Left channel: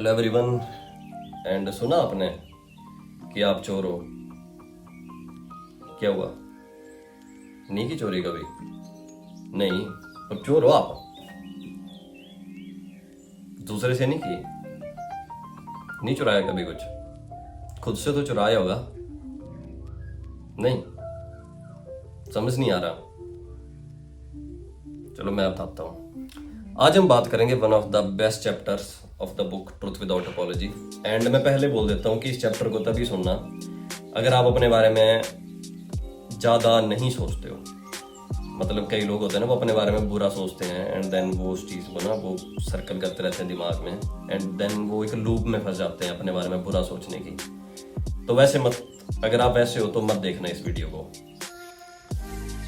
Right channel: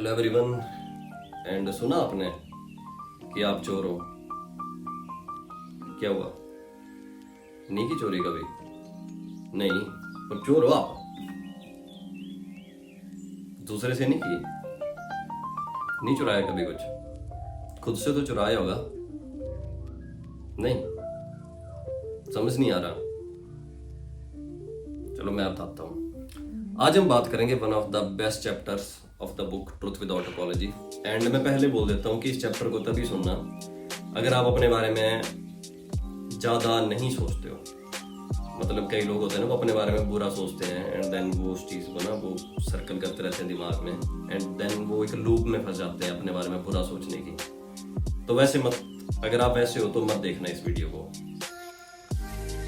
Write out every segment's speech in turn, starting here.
Hello everyone. And सुना आपने कि आप चोर हो? क्या हुआ? नहीं की चोरी कभी? नहीं, पर चोर हो आप। दूसरे से नहीं की? नहीं चुराया कभी कुछ? खुद से तो चुराया होगा? नहीं, समझ नहीं आ रहा। चलो मैं बताता हूँ। आज हम बात करेंगे one of the best chapters of the book truth without apology. And मैं पहले बोल देता हूँ कि इस चैप्टर को तभी सुनना अगर आप अपने बारे में ज़्यादा नहीं सोचते हो। मतलब कई लोग होते हैं ना, वो अपने बारे में बुरा सोचते हैं एंड देन वो उस चीज़ को ना वो सर्कल करते रहते हैं दिमाग में एंड देन वो एक लूप में फंस जाते हैं अपने बारे में बुरा सोचने की। तो वैसे मत, अगर आप वैसे हो तो मत देखना इस वीडियो को।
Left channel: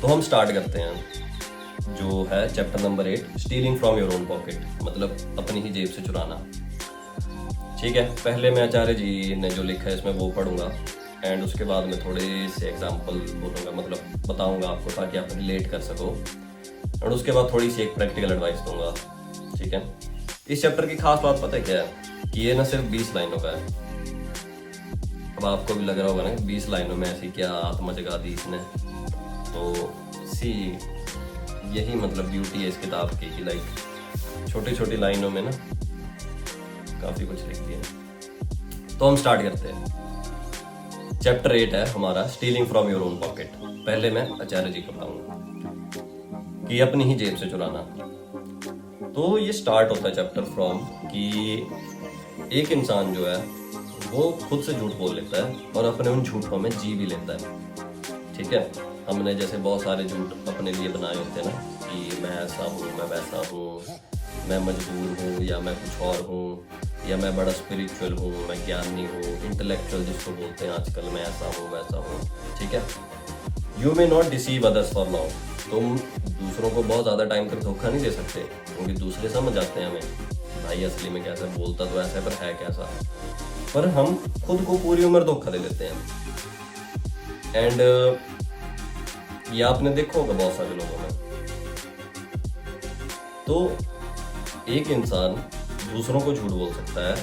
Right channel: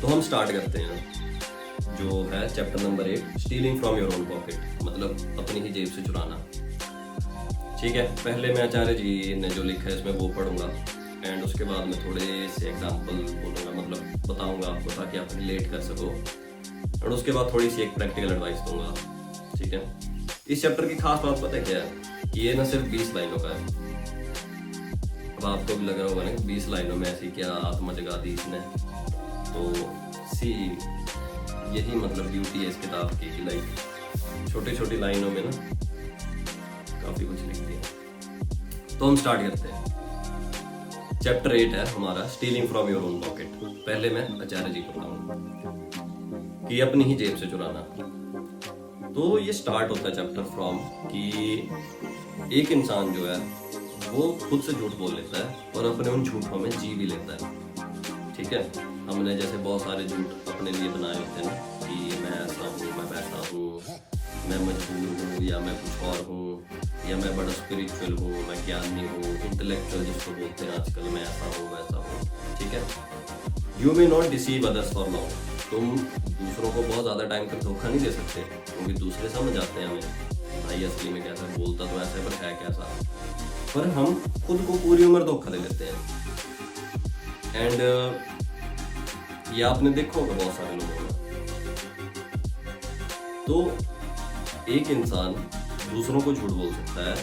तो हम स्टार्ट करते हैं, जो है chapter number 8, stealing from your own pocket, मतलब अपनी ही जेब से चुराना। ठीक है, पहले मैं आचार्य जी ने जो लिखा है इसमें वो पढ़ूंगा एंड उसके बाद मैं थोड़े से एग्जांपल बोलूँगा, मतलब बताऊंगा आपको ताकि आप रिलेट कर सको और उसके बाद थोड़ी सी एक प्रैक्टिकल एडवाइस दूंगा। ठीक है, इस चैप्टर की खास बात पता है क्या है कि ये ना सिर्फ 20 लाइनों का है। अब आपको भी लग रहा होगा ना 20 लाइनों में ऐसी क्या आत्मा जगा दी इसने। तो सी यही मतलब ब्यूटी है इस किताब की कि लाइक छोटी छोटी लाइनों में ना काफी कुछ लिख दिया। तो हम स्टार्ट करते हैं। चैप्टर 8 है हमारा, stealing from your own pocket. पहले मैं आचार्य जी को बताऊंगा कि अपनी ही जेब से चुराना। तो ये स्टार्ट होता है चैप्टर फ्रॉम कि एक इंसान जो है वो खुद से झूठ बोल लेता है और अपने उन झूठों में जी भी लेता है। ठीक है, हमने जैसे बहुत सारे झूठ अपने लिए बनाए होते हैं ना कि मैं ऐसा हूँ, मैं वैसा हूँ, मैं मजबूर हूँ या मैं कुछ और हूँ, या मैं बड़ा स्पिरिचुअल हूँ, मैं ज्ञानी हूँ, इंटेलेक्चुअल जिसको बोलते हैं आजकल, मैं ऐसा हूँ वैसा हूँ। ठीक है, you may not deceive others for long. तुम दूसरों को बहुत ज़्यादा टाइम तक धोखा नहीं दे सकते क्योंकि दूसरे समझ जाते हैं हमें भाई असली में कैसा बोलता तो ऐसा है पर है कैसा। पर हम खुद को पूरी उम्र धोखा दे लेते हैं। एंड ये आपने देखा होगा बहुत सारे लोगों में। तो एक इंसान दूसरों को झूठ बोल सकता है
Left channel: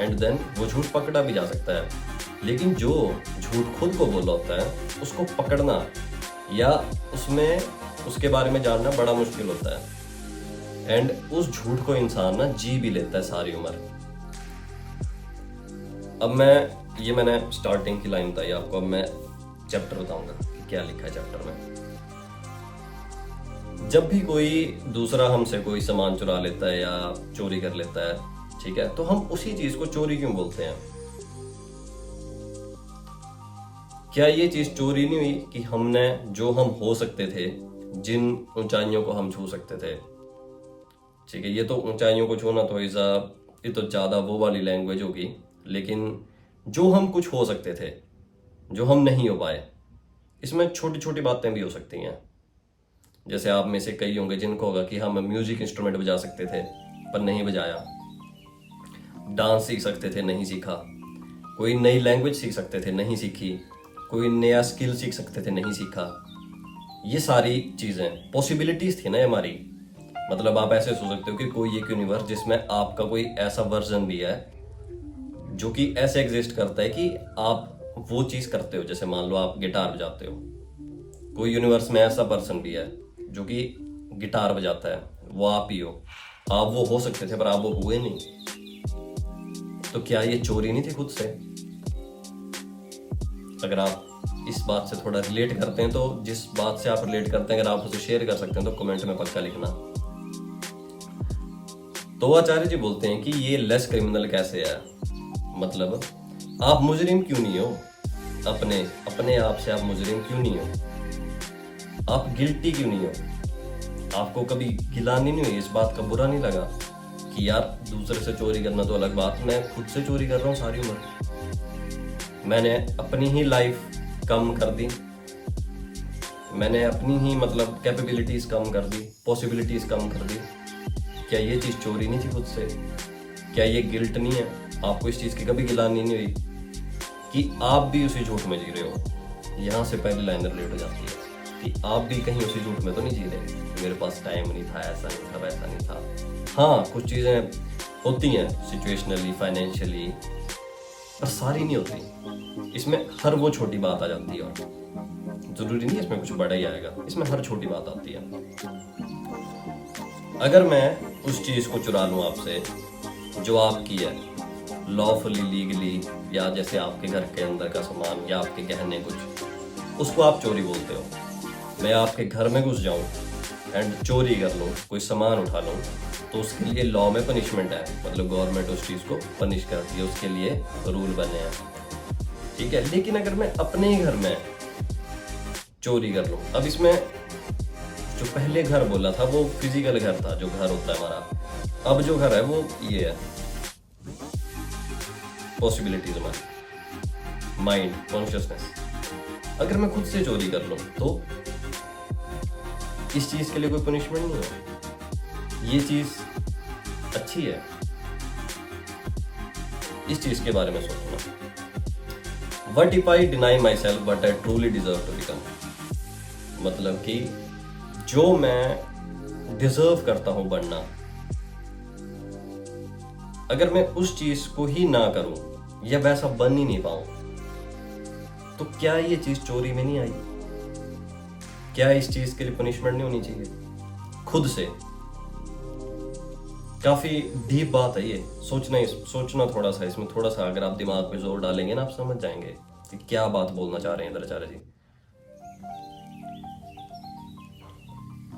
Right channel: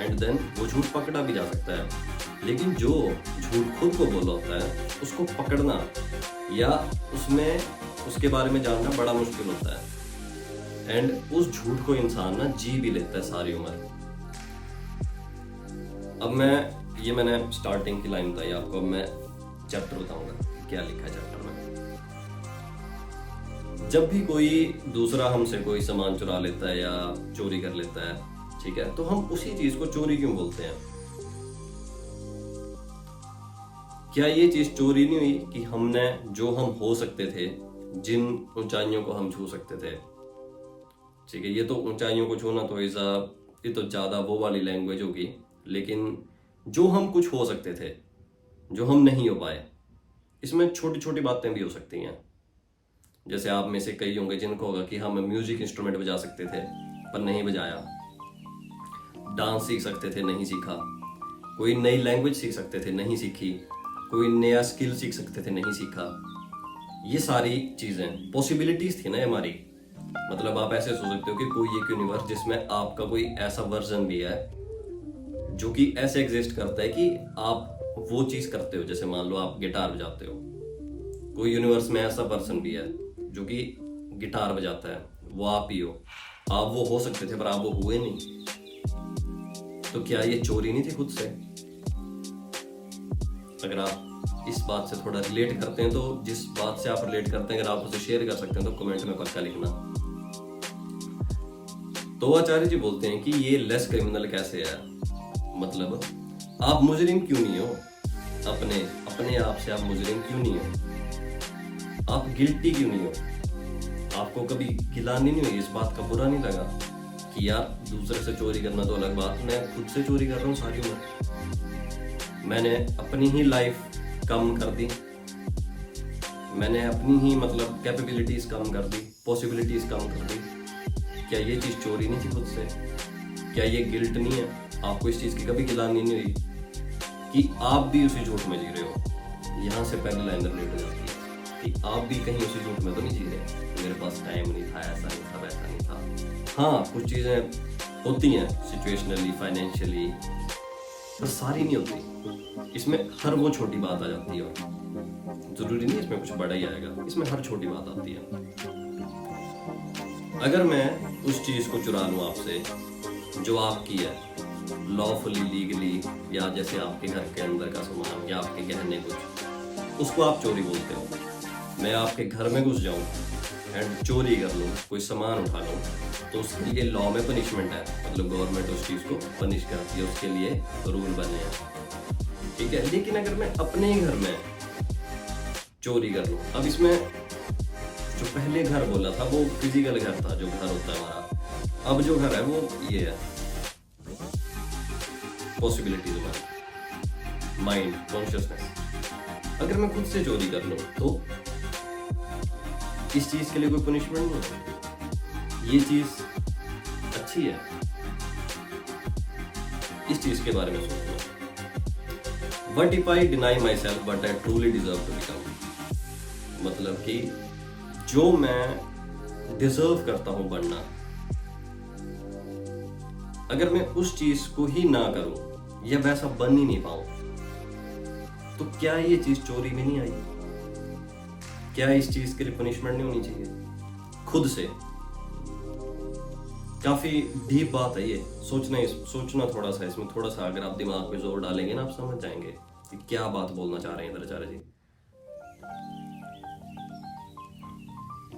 एंड देन वो झूठ पकड़ा भी जा सकता है, लेकिन जो झूठ खुद को बोला होता है उसको पकड़ना या उसमें उसके बारे में जानना बड़ा मुश्किल होता है। एंड उस झूठ को इंसान ना जी भी लेता है सारी उम्र। अब मैंने स्टार्टिंग की लाइन बताई आपको, अब मैं चैप्टर बताऊंगा कि क्या लिखा है चैप्टर में। जब भी कोई दूसरा हमसे कोई सामान चुरा लेता है या चोरी कर लेता है, ठीक है, तो हम उसी चीज को चोरी क्यों बोलते हैं? क्या ये चीज चोरी नहीं हुई कि हमने जो हम हो सकते थे, जिन ऊंचाइयों को हम छू सकते थे, ठीक है, ये तो ऊंचाइयों को छूना तो ये तो ज्यादा वो वाली लैंग्वेज होगी, लेकिन जो हम कुछ हो सकते थे जो हम नहीं हो पाए, इसमें छोटी छोटी बातें भी हो सकती हैं। जैसे आप में से कई होंगे जिनको होगा कि हम म्यूजिक इंस्ट्रूमेंट बजा सकते थे पर नहीं बजाया, डांस सीख सकते थे नहीं सीखा, कोई नई लैंग्वेज सीख सकते थे नहीं सीखी, कोई नया स्किल सीख सकते थे नहीं सीखा। ये सारी चीजें पॉसिबिलिटीज थी ना हमारी। मतलब आप ऐसे सोच सकते हो कि कोई एक यूनिवर्स जिसमें आपका कोई ऐसा वर्जन भी है जो कि ऐसे एग्जिस्ट करता है कि आप वो चीज करते हो। जैसे मान लो आप गिटार बजाते हो, कोई यूनिवर्स में ऐसा पर्सन भी है जो कि गिटार बजाता है, वो आप ही हो। आप वो हो सकते थे पर आप वो हुए नहीं। तो क्या ये चोरी नहीं थी खुद से? अगर आप इस बात से थोड़ा रिलेट करते हैं तो जिस बात से आप रिलेट करते हैं अगर आप उसे शेयर कर सकते हैं तो कमेंट में पक्का लिखना। तो आचार्य जी बोलते हैं कि ये लेस क्रिमिनल कैसे है, मतलब आप मुजरिम क्यों नहीं हो? अपने आप से आप मुजरिम क्यों नहीं हो? आप गिल्टी क्यों नहीं हो? आपको कभी गिलानी नहीं हुई, इस बात का बुरा नहीं लगा कि यार दूसरे से चोरी करना तो अलग बात, मैं खुद से चोरी कर रहा हूँ सारी उम्र। मैंने अपनी ही लाइफ कम कर दी, मैंने अपनी ही मतलब कैपेबिलिटीज कम कर दी, पॉसिबिलिटीज कम कर दी। क्या ये चीज चोरी नहीं थी खुद से? क्या ये गिल्ट नहीं है? आपको इस चीज की कभी गिलानी नहीं हुई कि आप भी उसी झूठ में जी रहे हो? यहाँ से पहली लाइन रिलेट हो जाती है कि आप भी कहीं उसी झूठ में तो नहीं जी रहे, मेरे पास टाइम नहीं था, ऐसा नहीं था, वैसा नहीं था। हाँ, कुछ चीज़ें होती हैं सिचुएशनली, फाइनेंशियली, पर सारी नहीं होती। इसमें हर वो छोटी बात आ जाती है, और जरूरी नहीं इसमें कुछ बड़ा ही आएगा, इसमें हर छोटी बात आती है। अगर मैं उस चीज को चुरा लूं आपसे जो आपकी है, लॉफुली, लीगली, या जैसे आपके घर के अंदर का सामान या आपके गहने कुछ, उसको आप चोरी बोलते हो। मैं आपके घर में घुस जाऊं एंड चोरी कर लूं, कोई सामान उठा लूं, तो उसके लिए लॉ में पनिशमेंट है, मतलब गवर्नमेंट उस चीज़ को पनिश करती है, उसके लिए रूल बने हैं, ठीक है। लेकिन अगर मैं अपने ही घर में चोरी कर लूं, अब इसमें जो पहले घर बोला था वो फिजिकल घर था, जो घर होता है हमारा। अब जो घर है वो ये है, पॉसिबिलिटीज हमारी, माइंड, कॉन्शियसनेस। अगर मैं खुद से चोरी कर लूं तो इस चीज के लिए कोई पनिशमेंट नहीं है, ये चीज अच्छी है। इस चीज के बारे में सोचना। What if I deny myself but I truly deserve to become, मतलब कि जो मैं डिजर्व करता हूं बनना, अगर मैं उस चीज को ही ना करूं या वैसा बन ही नहीं पाऊं, तो क्या ये चीज चोरी में नहीं आई? क्या इस चीज के लिए पनिशमेंट नहीं होनी चाहिए खुद से? काफी डीप बात है ये, सोचना थोड़ा सा, इसमें थोड़ा सा अगर आप दिमाग पे जोर डालेंगे ना, आप समझ जाएंगे कि क्या बात बोलना चाह रहे हैं इधर Acharya ji.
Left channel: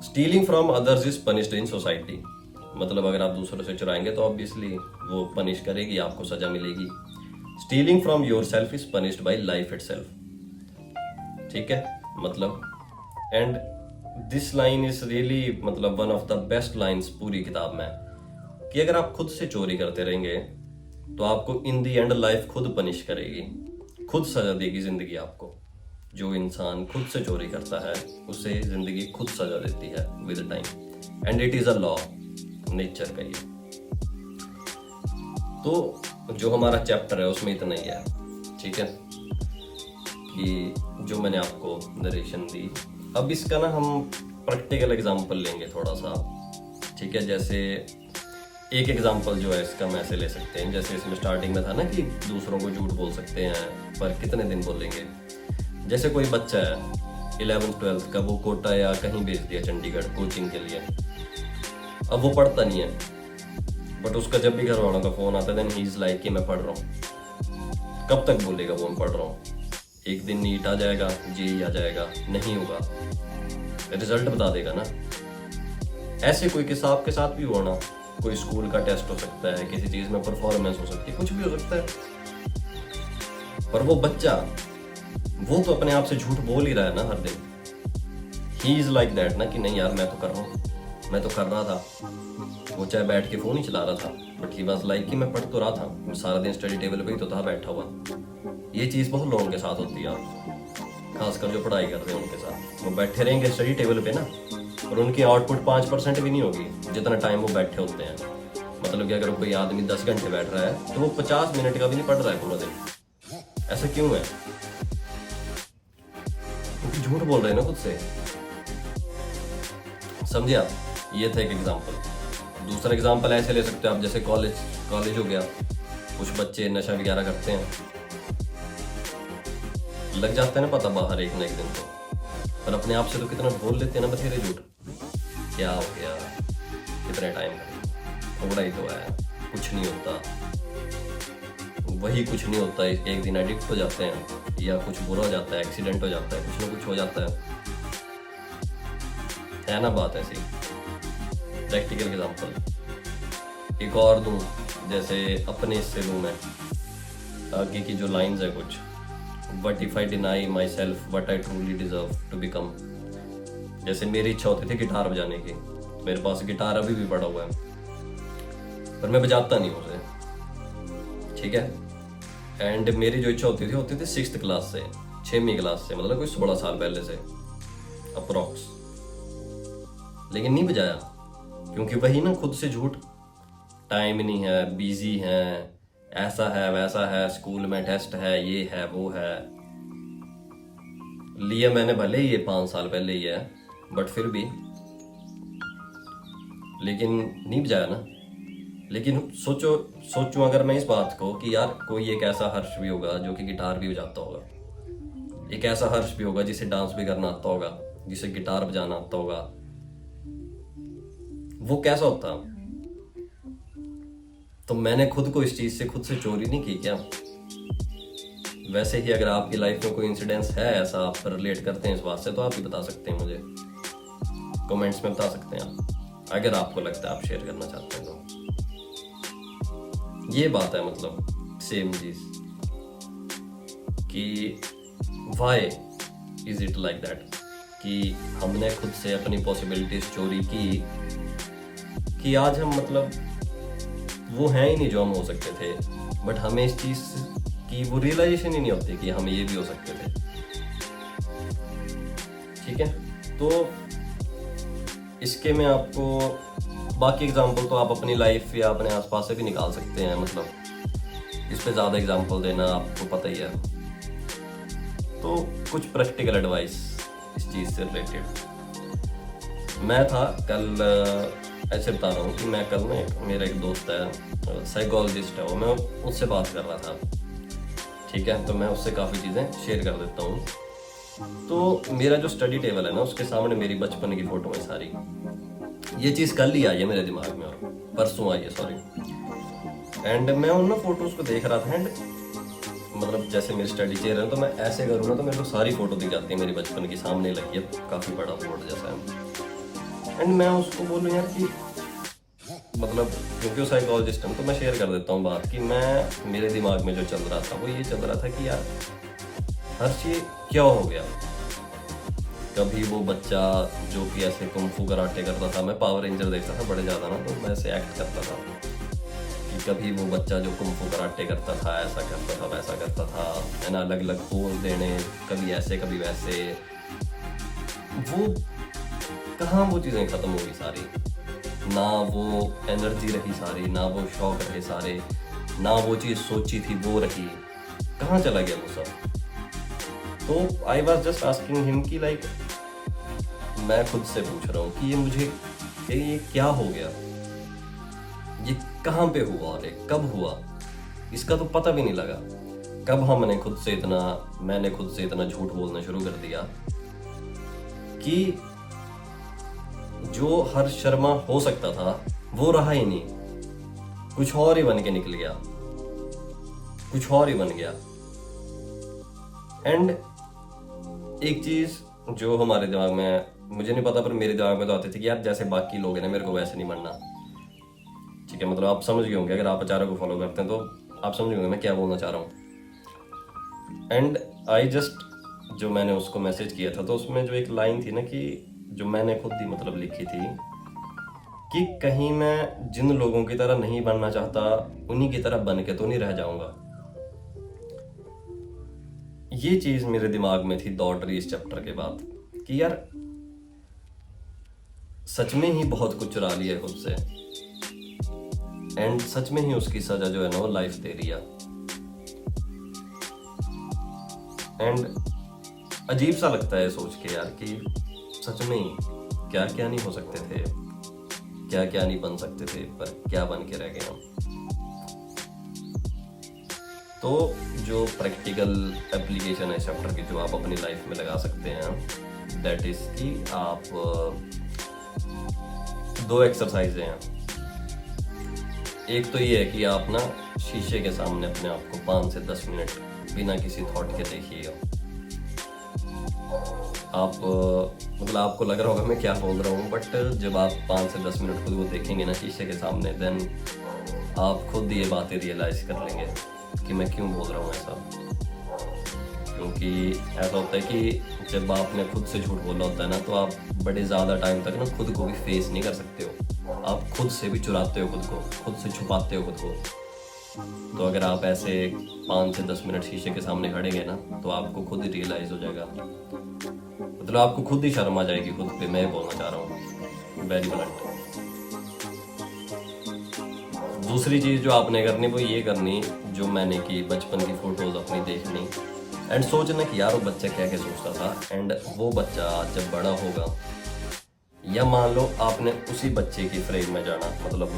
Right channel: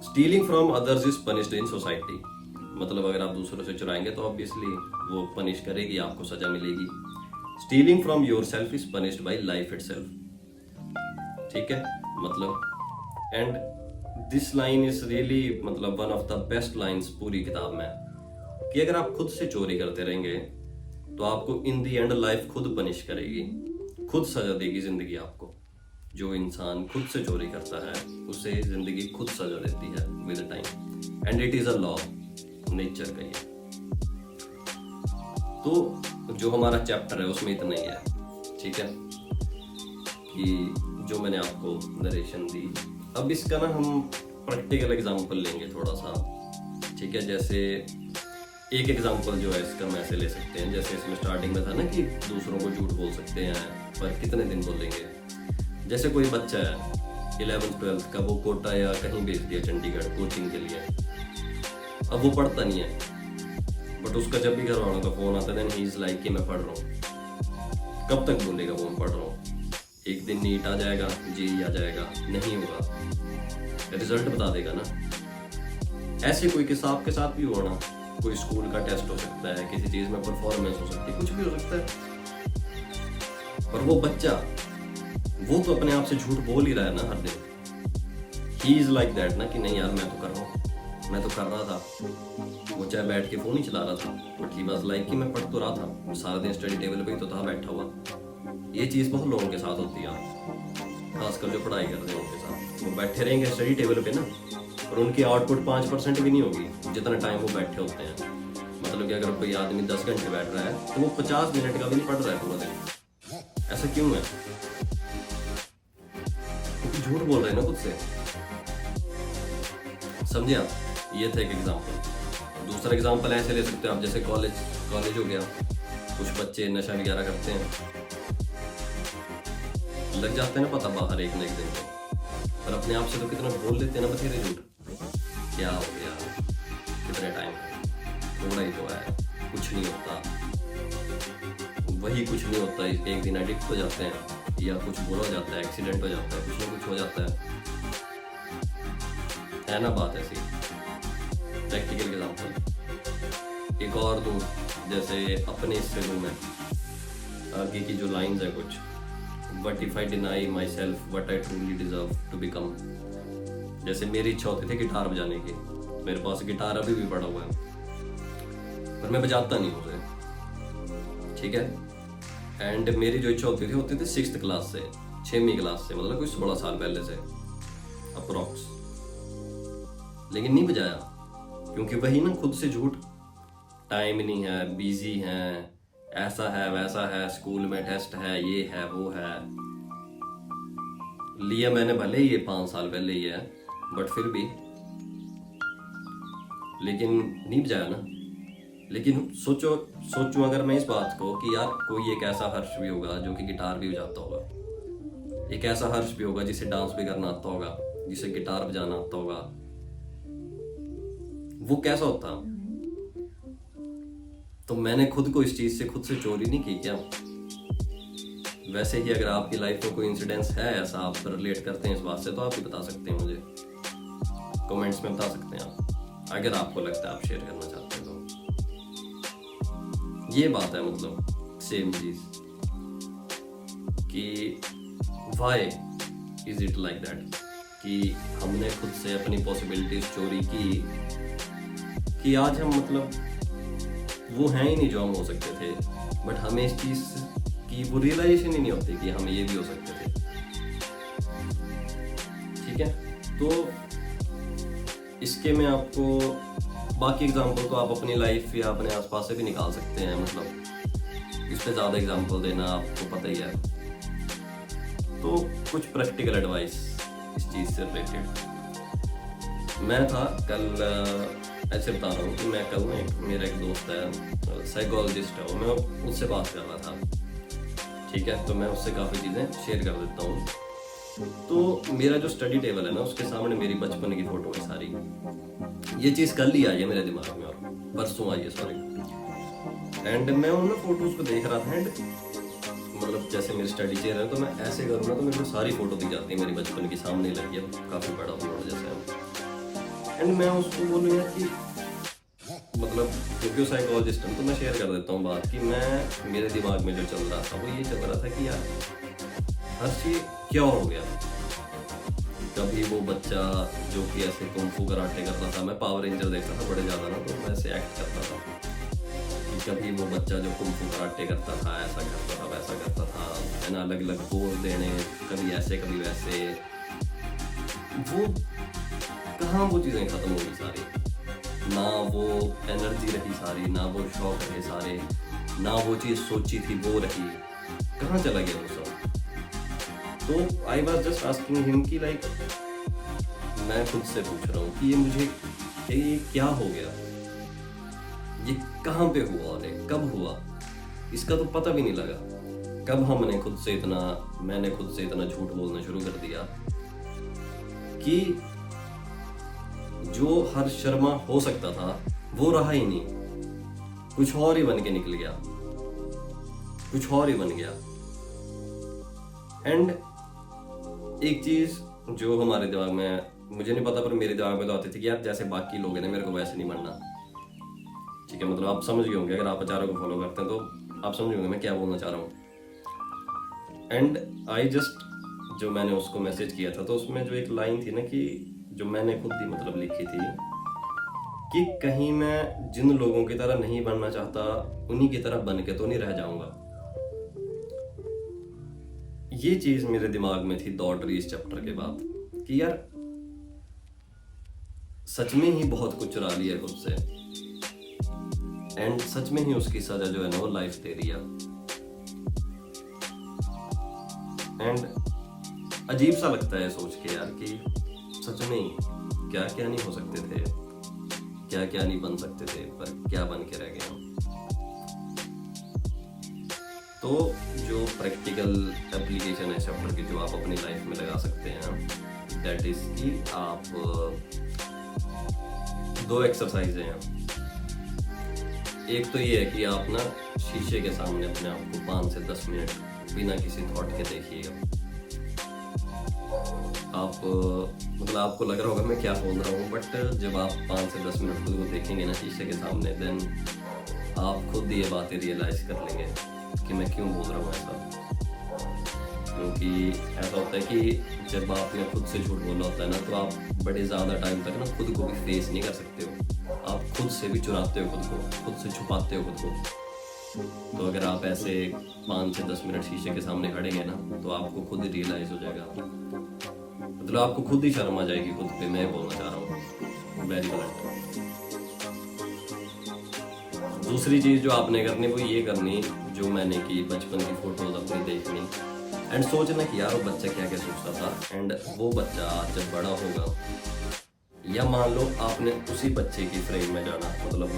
Stealing from others is punished in society, मतलब अगर आप दूसरों से चुराएंगे तो ऑब्वियसली वो पनिश करेगी, आपको सजा मिलेगी। Stealing from yourself is punished by life itself, ठीक है। मतलब and this line is really, मतलब one of the best lines पूरी किताब में, कि अगर आप खुद से चोरी करते रहेंगे तो आपको इन दी एंड लाइफ खुद पनिश करेगी, खुद सजा देगी जिंदगी आपको। जो इंसान खुद से चोरी करता है उसे जिंदगी खुद सजा देती है with time, and it is a law, nature का ये। तो जो हमारा चैप्टर है उसमें इतना ही है, ठीक है, कि जो मैंने आपको नरेशन दी। अब इसका ना हम प्रैक्टिकल एग्जांपल लेंगे थोड़ा सा, ठीक है। जैसे एक एग्जांपल जो है इसका हम ऐसे ले सकते हैं, जैसे इसमें स्टार्टिंग में था ना कि दूसरों को झूठ बोल सकते हैं, पर कितने दिन बोलेंगे। जैसे कोई बच्चा है 11th 12th का, वो कोटा या कहीं भेज दिया चंडीगढ़ कोचिंग के लिए, अब वो पढ़ता नहीं है, बट उसका जब भी घर वालों का फोन आता है देन ही इज लाइक कि मैं पढ़ रहा हूँ। कब तक बोलेगा वो मैं पढ़ रहा हूँ? एक दिन नीट आ जाएगा, जेईई आ जाएगा, नहीं होगा, रिजल्ट बता देगा ना। ऐसे कोई किस्सा आपके साथ भी हुआ ना, कोई स्कूल का टेस्ट हो सकता है, किसी चीज में परफॉर्मेंस हो सकती है, कुछ भी हो सकता है, पर वो बच्चा वो तो अपने आप से झूठ बोल ही रहा है ना हर दिन। ही इज लाइक दैट ना कि नहीं यार मैं तो कर रहा हूँ, मैं तो कर रहा था। वो चाहे बैठ के फोन ही चला रहा था, बट ही वाज लाइक कि मैं पढ़ तो रहा था, सारा दिन स्टडी टेबल पे ही तो था बैठा हुआ। ये चीज बहुत लोगों के साथ होती है, खासकर जो पढ़ाई कर रहे हैं उनके साथ। वो बैठे रहेंगे स्टडी टेबल पे ना, और उनकी आउटपुट 5% भी नहीं होगी जितना टाइम वो बैठे होते हैं। मतलब कि अगर कोई आदमी 10 घंटे बैठ रहा है तो वो 50 मिनट का भी नहीं पढ़ रहा है पूरा दिन। ऐसा क्यों है? क्योंकि झूठ बोल रहे हैं ना खुद से, समझे आप? ये था एक एग्जाम्पल। दूसरा एग्जाम्पल ऐसे ले सकते हो आप, जैसे कॉलेज हो गया, कुछ बच्चे नशा वगैरह करते हैं, लग जाते हैं ना पता बाहर एक न एक दिन तो, पर अपने आप से तो कितना बोल लेते हैं ना बथेरे झूठ। क्या हो गया, कितने टाइम, थोड़ा ही तो है, कुछ नहीं होता। वही कुछ नहीं होता, एक दिन एडिक्ट हो जाते हैं, या कुछ बुरा हो जाता है, एक्सीडेंट हो जाता है, कुछ ना कुछ हो जाता है ना बात ऐसी। प्रैक्टिकल एग्जांपल एक और दूं, जैसे अपने इससे दूं मैं, आगे की जो लाइंस है कुछ, What if I deny myself what I truly deserve to become। जैसे मेरी इच्छा होती थी गिटार बजाने की, मेरे पास गिटार अभी भी पड़ा हुआ है, पर मैं बजाता नहीं उसे, ठीक है। एंड मेरी जो इच्छा होती थी 6th क्लास से, 6वीं क्लास से, मतलब कोई 16 साल पहले से अप्रोक्स। लेकिन नहीं बजाया, क्योंकि वही ना खुद से झूठ, टाइम नहीं है, बिजी है, ऐसा है वैसा है, स्कूल में टेस्ट है, ये है वो है। लिया मैंने भले ही ये 5 साल पहले ही है, बट फिर भी, लेकिन नहीं बजाया ना। लेकिन सोचूं अगर मैं इस बात को कि यार कोई एक ऐसा हर्ष भी होगा जो कि गिटार भी बजाता होगा, एक ऐसा हर्ष भी होगा जिसे डांस भी करना आता होगा, जिसे गिटार बजाना आता होगा, वो कैसा होता? तो मैंने खुद को इस चीज से खुद से चोरी नहीं की क्या? वैसे ही अगर आपकी लाइफ में कोई इंसिडेंस है ऐसा, आप रिलेट करते हैं इस बात से, तो आप भी बता सकते हैं मुझे, कमेंट्स में बता सकते हैं आप, अगर आपको लगता है आप शेयर करना चाहते हैं तो। ये बात है, मतलब सेम चीज कि why is it like that, कि हमने खुद से अपनी पॉसिबिलिटीज चोरी की कि आज हम मतलब वो हैं ही नहीं जो हम हो सकते थे, बट हमें इस चीज की वो रियलाइजेशन ही नहीं होती कि हम ये भी हो सकते थे। ठीक है, तो इसके में आपको बाकी एग्जांपल तो आप अपनी लाइफ या अपने आसपास से भी निकाल सकते हैं, मतलब इस पे ज़्यादा एग्जांपल देना आपको पता ही है। तो कुछ प्रैक्टिकल एडवाइस इस चीज़ से रिलेटेड। मैं था कल ऐसे बता रहा हूँ कि मैं कल ना मेरा एक दोस्त है, साइकोलॉजिस्ट है वो, मैं उससे बात कर रहा था। ठीक है, तो मैं उससे काफ़ी चीज़ें शेयर कर देता हूँ। तो मेरा जो स्टडी टेबल है ना, उसके सामने मेरी बचपन की फ़ोटो है सारी। ये चीज़ कल ही आई है मेरे दिमाग में, और परसों आई है सॉरी। एंड मैं उन ना फोटोज़ को देख रहा था, एंड मतलब जैसे मेरी स्टडी चेयर है तो मैं ऐसे करूँ ना तो मेरे को सारी फ़ोटो दिख जाती है मेरी बचपन की, सामने लगी है, काफ़ी बड़ा बोर्ड जैसा है। एंड मैं उसको बोलूँ यार कि मतलब क्योंकि वो साइकोलॉजिस्ट है तो मैं शेयर कर देता हूँ बात कि मैं मेरे दिमाग में जो चल रहा था वो ये चल रहा था कि यार हर चीज क्या हो गया। कभी वो बच्चा जो कि ऐसे कुंफू कराटे करता था, मैं पावर रेंजर देखता था बड़े ज़्यादा ना, तो मैं ऐसे एक्ट करता था कि कभी वो बच्चा जो कुंफू कराटे करता था, ऐसा करता था वैसा करता था, है ना, अलग अलग पोज देने, कभी ऐसे कभी वैसे। वो कहाँ वो चीज़ें ख़त्म हो गई सारी, ना वो एनर्जी रही सारी, ना वो शौक रहे सारे, ना वो चीज़ सोची थी वो रही, कहाँ चला गया वो सब। तो I was just asking him कि लाइक मैं खुद से पूछ रहा हूँ कि ये क्या हो गया, ये कहाँ पे हुआ और कब हुआ, इसका तो पता भी नहीं लगा। कब मैंने खुद से इतना झूठ बोलना शुरू कर दिया कि जो हर्ष शर्मा हो सकता था वो रहा ही नहीं, कुछ और ही बन के निकल गया, कुछ और ही बन गया। एंड एक चीज जो हमारे दिमाग में, मुझे नहीं पता पर मेरे दिमाग में तो आती थी कि यार जैसे बाकी लोग हैं ना, मेरे को वैसे नहीं बनना। ठीक है, मतलब आप समझ गए होंगे, अगर आप आचार्य को फॉलो करते हैं तो आप समझ होंगे मैं क्या बोलना चाह रहा हूँ। एंड आई जस्ट, जो मैंने उसको मैसेज किया था तो उसमें जो एक लाइन थी ना कि जो मैंने खुद ही मतलब लिखी थी कि कहीं मैं जिन लोगों की तरह नहीं बनना चाहता उन्हीं की तरह बन के तो नहीं रह जाऊंगा। ये चीज मेरे दिमाग में थी दौड़ रही इस चैप्टर के बाद कि यार सच में ही बहुत कुछ चुरा लिया खुद से, एंड सच में ही उसकी सजा जो है ना वो लाइफ दे रही है। एंड अजीब सा लगता है सोच के यार कि सच में ही क्या क्या नहीं हो सकते थे, क्या क्या नहीं बन सकते थे, पर क्या बन के रह गए हम। तो जो प्रैक्टिकल एप्लीकेशन है चैप्टर की जो आप अपनी लाइफ में लगा सकते हैं, दैट इज कि आप 2 एक्सरसाइज हैं। एक तो ये है कि आप ना शीशे के सामने अपने आप को 5 से 10 मिनट बिना किसी थॉट के देखिएगा। आप मतलब आपको लग रहा होगा मैं क्या बोल रहा हूँ, बट जब आप 5 से 10 मिनट खुद को देखेंगे ना शीशे के सामने, देन आप खुद ये बातें रियलाइज कर लेंगे कि मैं क्यों बोल रहा हूँ ऐसा। क्योंकि ऐसा होता है कि जब आपने खुद से झूठ बोला होता है ना, तो आप बड़े ज़्यादा टाइम तक ना खुद को भी फेस नहीं कर सकते हो, आप खुद से भी चुराते हो खुद को, खुद से छुपाते हो खुद को। तो अगर आप ऐसे 5 से 10 मिनट शीशे के सामने खड़ेंगे ना, तो आपको खुद ही रियलाइज हो जाएगा, मतलब आपको खुद ही शर्म आ जाएगी खुद पे। मैं बोलना चाह रहा हूँ वेरी ब्लंट। दूसरी चीज़ जो आपने करनी वो ये करनी जो मैंने की, बचपन की फ़ोटोज़ अपनी देखनी एंड सोचना कि यार वो बच्चा क्या क्या सोचता था, एंड वो बच्चा जब बड़ा होगा या मान लो आपने उसी बच्चे की फ्रेम में जाना, मतलब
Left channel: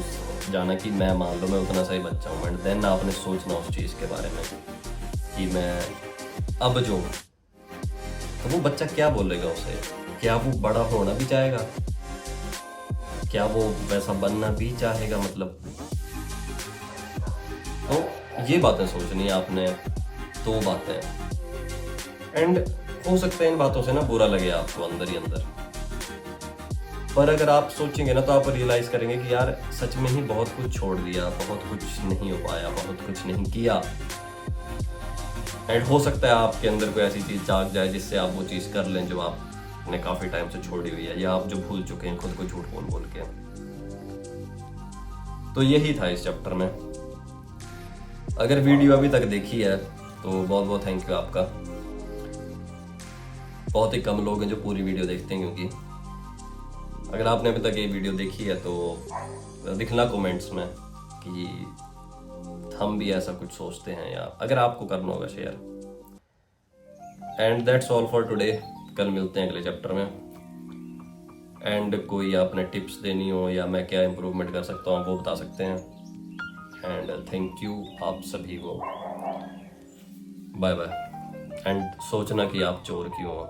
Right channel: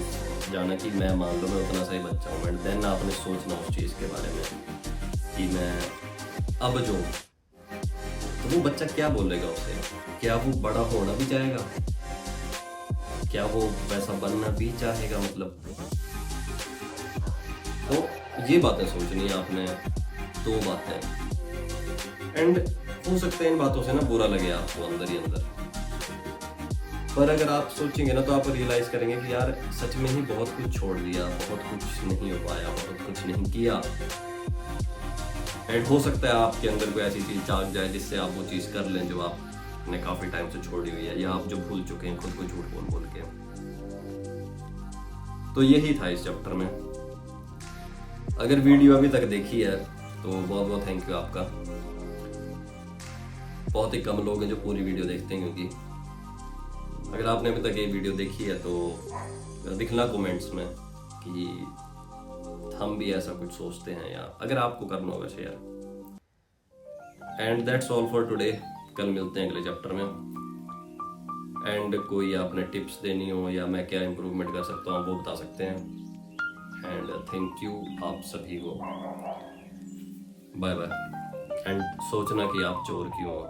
जाना कि मैं मान लो मैं उतना सा ही बच्चा हूँ, एंड देन आपने सोचना उस चीज़ के बारे में कि मैं अब जो हूँ, तो वो बच्चा क्या बोलेगा उसे, क्या वो बड़ा होना भी चाहेगा, क्या वो वैसा बनना भी चाहेगा, मतलब तो ये बातें सोचनी है आपने, दो बातें। एंड हो सकता है इन बातों से ना बुरा लगे आपको अंदर ही अंदर, पर अगर आप सोचेंगे ना तो आप रियलाइज करेंगे कि यार सच में ही बहुत कुछ छोड़ दिया, बहुत कुछ नहीं हो पाया, बहुत कुछ नहीं किया। एंड हो सकता है आपके अंदर कोई ऐसी चीज़ जाग जाए जिससे आप वो चीज़ कर लें जो आपने काफ़ी टाइम से छोड़ी हुई है, या आप जो भूल चुके हैं खुद को झूठ बोल बोल के। तो यही था इस चैप्टर में। अगर वीडियो अभी तक देखी है तो बहुत बहुत थैंक यू आपका। बहुत ही कम लोग हैं जो पूरी वीडियो देखते हैं, क्योंकि अगर आपने अभी तक ये वीडियो देखी है तो दिखना कमेंट्स में कि हम भी ऐसा कुछ सोचते हैं, या अगर आपको करना होगा share. And that's all for today. कल मिलते हैं अगले चैप्टर में। एंड कोई आपने टिप्स देनी हो या मैं क्या इम्प्रूवमेंट कर सकता हूँ वो बता सकते हैं। एंड थैंक यू आप सभी को। Bye bye. एंड सोचना कि आप चोर क्यों हो।